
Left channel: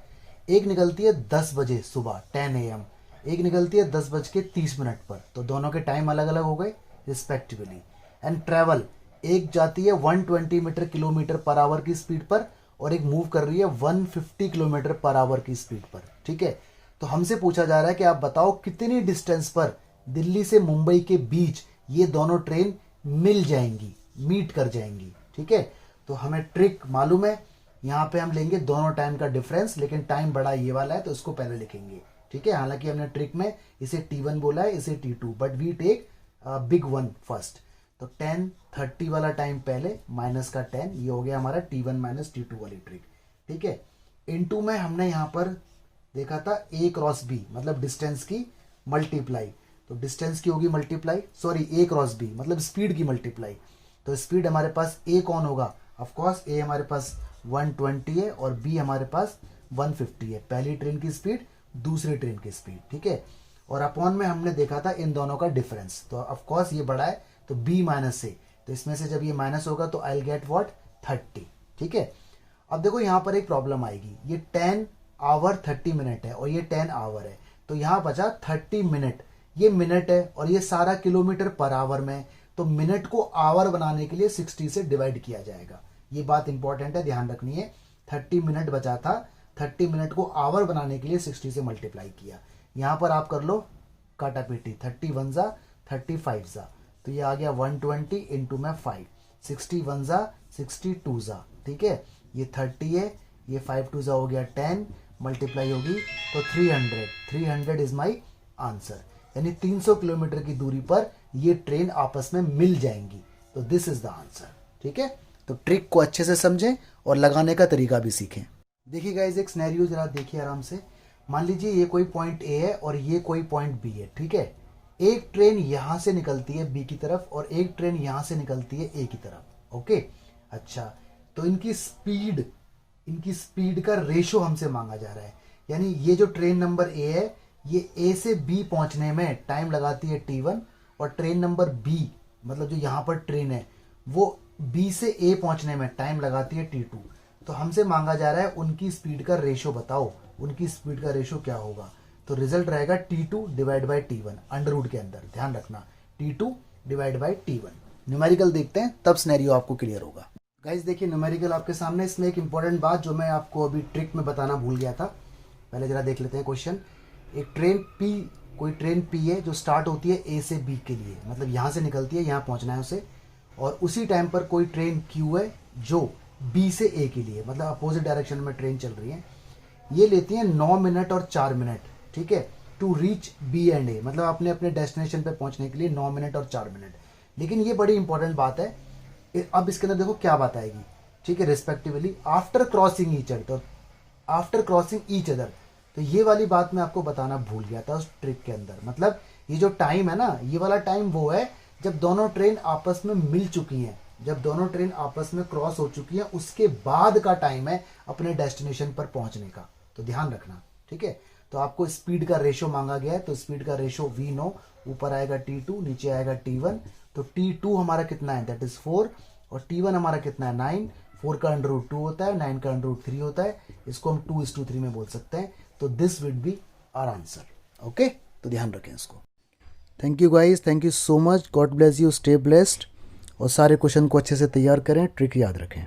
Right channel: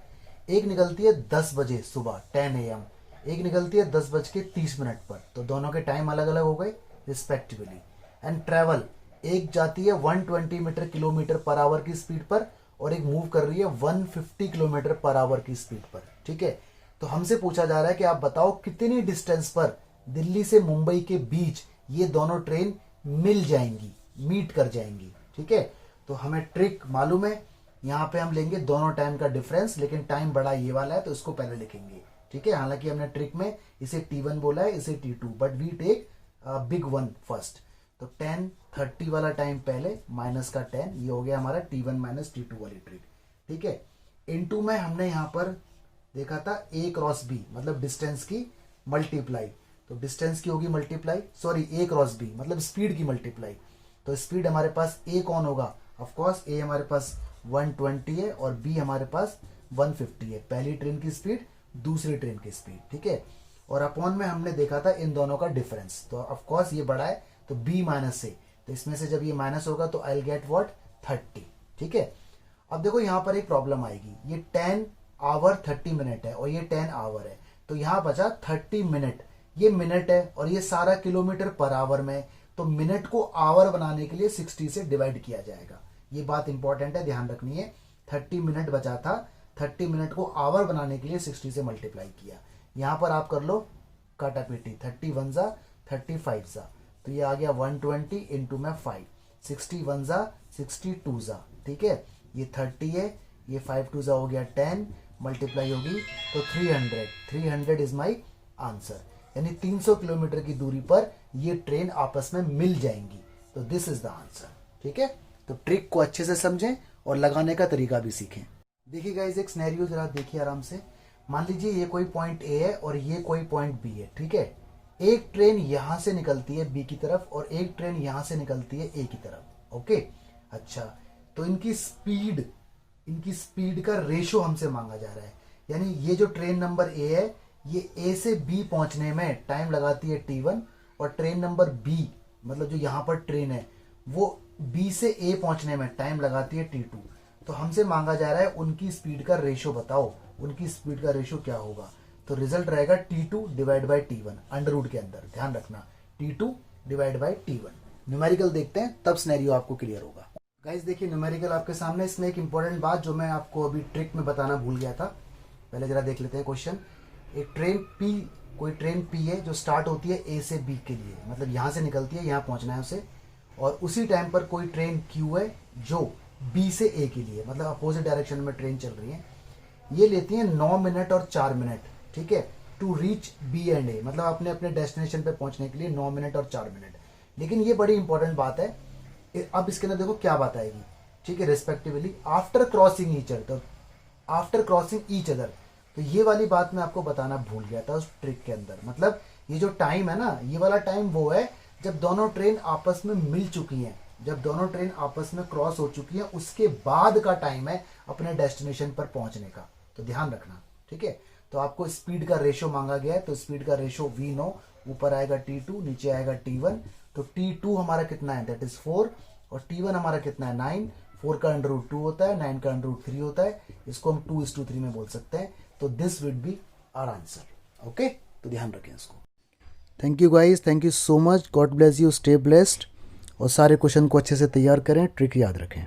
एक निकलती है 10 बजे सुबह 10 AM, एक निकलती है 10:30 पर, तो दोनों के टाइम अलग अलग हो गए रिस्पेक्टिवली। एंड ट्रेवल, एक जाती है 120 मीटर किलोमीटर पर आवर की स्पीड पर, और एक मूव कर रही है 150 किलोमीटर पर आवर की स्पीड पर, ठीक है। तो हमसे पूछा जा रहा है कि आप बताओ कितनी डिस्टेंस पर दिल्ली से मुंबई के बीच ये दोनों ट्रेन मिल जाएंगी, मीट कर जाएंगी, ठीक है। तो हमें ट्रिक मालूम है, यहाँ पे हम लेंगे दोनों टाइम का डिफरेंस, लेकिन टाइम बड़ा ये वाला है तो इसको पहले लिखेंगे, ठीक है। हालांकि हमने ट्रिक में इसे T1 बोला है, इसे T2, but we take big one first. तो 10:30 वाला टाइम पहले माइनस का 10, ये हो गया हमारा T1 माइनस T2 वाली ट्रिक, ठीक है। इनटू में हमने यहाँ पर देखा था A क्रॉस B, मतलब डिस्टेंस की मल्टीप्लाई, तो डिस्टेंस की होगी multiply, sorry A cross B मतलब स्पीड की मल्टीप्लाई। तो स्पीड हमारे पास A कौन होगा, ऑफ कोर्स A हमारे पास 120 है और B हमारे पास 150 है, पहली ट्रेन की स्पीड दूसरी ट्रेन की स्पीड, ठीक है। और अपॉन में हमने देखा था इन दोनों का डिफरेंस, तो ऑफ कोर्स ये बड़ा है तो B माइनस A, तो इसमें से जब ये माइनस होगा तो आई विल गेट व्हाट 30, ठीक है। अब देखो यहाँ पर एक प्रॉब्लम आएगी, ये 10 आवर 30 मिनट है और ये 10 आवर है, तो यहाँ बचा 30 मिनट, ये मिनट है और ये सारा किलोमीटर पर आवर में, तो मिनट को आवर बनाने के लिए 60 से डिवाइड किया जाएगा, ये बात इंपॉर्टेंट है, ध्यान रखनी है। 30 मिनट बचा था, 30 मिनट को आवर बनाने के लिए 60 से मल्टीप्लाई किया। यहां पर आप कर लो काटा पीटी, 31 जा 35 जा, तो ये आ गया 120 इंटू में 5, 61 जा 62 जा, ठीक है। ये 30 है, ये 5 2 जा हो गया 10, मल्टीप्लाई होगी तो 300 इज माई आंसर, यानी 300 किलोमीटर की दूरी पर ये ट्रेन आपस में मिल जाएंगी, तो दिस इज द आंसर, ठीक है। तो ट्रिक को अच्छे से समझें और लगाने का तरीका भी सीखें। देखिए गाइस, एक सिनेरियो जरा देखिए आराम से। मान लीजिए ये कोई पॉइंट ए है और ये कोई पॉइंट बी है, ठीक है। एक ट्रेन यहां से निकलती है बी की तरफ और एक ट्रेन यहां से निकलती है ए की तरफ, ओके। अच्छा, तो इनकी स्पीड का रेशो हमसे मांगा जा रहा है, यानी ये जो ट्रेन नंबर ए है ये ए से बी पहुंचने में टाइम लगाती है T1 और ट्रेन नंबर बी मतलब जो यहां पर ट्रेन है वो बी से ए पहुंचने में टाइम लगाती है T2। तो हमसे मांगा जा रहा है उनकी स्पीड का रेशो बताओ, उनकी स्पीड का रेशो क्या होगा। तो रिजल्ट रहेगा T2 divide by T1 under root के अंदर, ध्यान रखना T2 divide by T1। Numerical देखते हैं तब सिनेरियो आपको क्लियर होगा। गाइस देखिए न्यूमेरिकल आपके सामने, इसमें एक इंपॉर्टेंट बात जो मैं आपको अभी ट्रिक में बताना भूल गया था, पहले जरा देख लेते हैं क्वेश्चन। एक ट्रेन P, कोई ट्रेन P है जो स्टार्ट होती है A से B के लिए, मतलब यहां से निकलती है, यहां पहुंचना है उसे, और उसी टाइम पर कोई ट्रेन Q है जो B से A के लिए, मतलब अपोजिट डायरेक्शन में ट्रेन चल रही है, ये लेती है 9 मिनट और 4 मिनट, ठीक है, to reach B and A, मतलब अपने अपने डेस्टिनेशन पे पहुंचने के लिए 9 मिनट और 4 मिनट। लेकिन ये बड़ी इंपॉर्टेंट बात है, अब इसके अंदर देखो क्या बात आएगी, ठीक है, respectively after crossing each other, तो आफ्टर क्रॉसिंग ईच अदर, तो ये वाली बात मैं आपको बताना भूल गया था उस ट्रिक के अंदर। मतलब ये जो टाइम है ना, ये वाला टाइम वो है जब दोनों ट्रेन आपस में मिल चुकी हैं, जब दोनों ट्रेन आपस में क्रॉस हो चुकी है उसके बाद का टाइम है अपने डेस्टिनेशन पर पहुंचने का, तो ध्यान रखना, ठीक है। तो आपको स्पीड का रेशो मांगा गया है, तो स्पीड का रेशो वी नो, ऊपर आएगा T2 नीचे आएगा T1, तो T2 हमारा कितना है, दैट इज 4, और T1 हमारा कितना है 9, 4 का अंडर रूट 2 होता है, 9 का अंडर रूट 3 होता है, इसको हम 2:3 में बोल सकते हैं, तो this will be our answer, okay. तो ध्यान रखें इसको। Thank you guys, thank you so much, God bless you, stay blessed, और सारे क्वेश्चन को अच्छे से तैयार करें, ट्रिक याद रखें।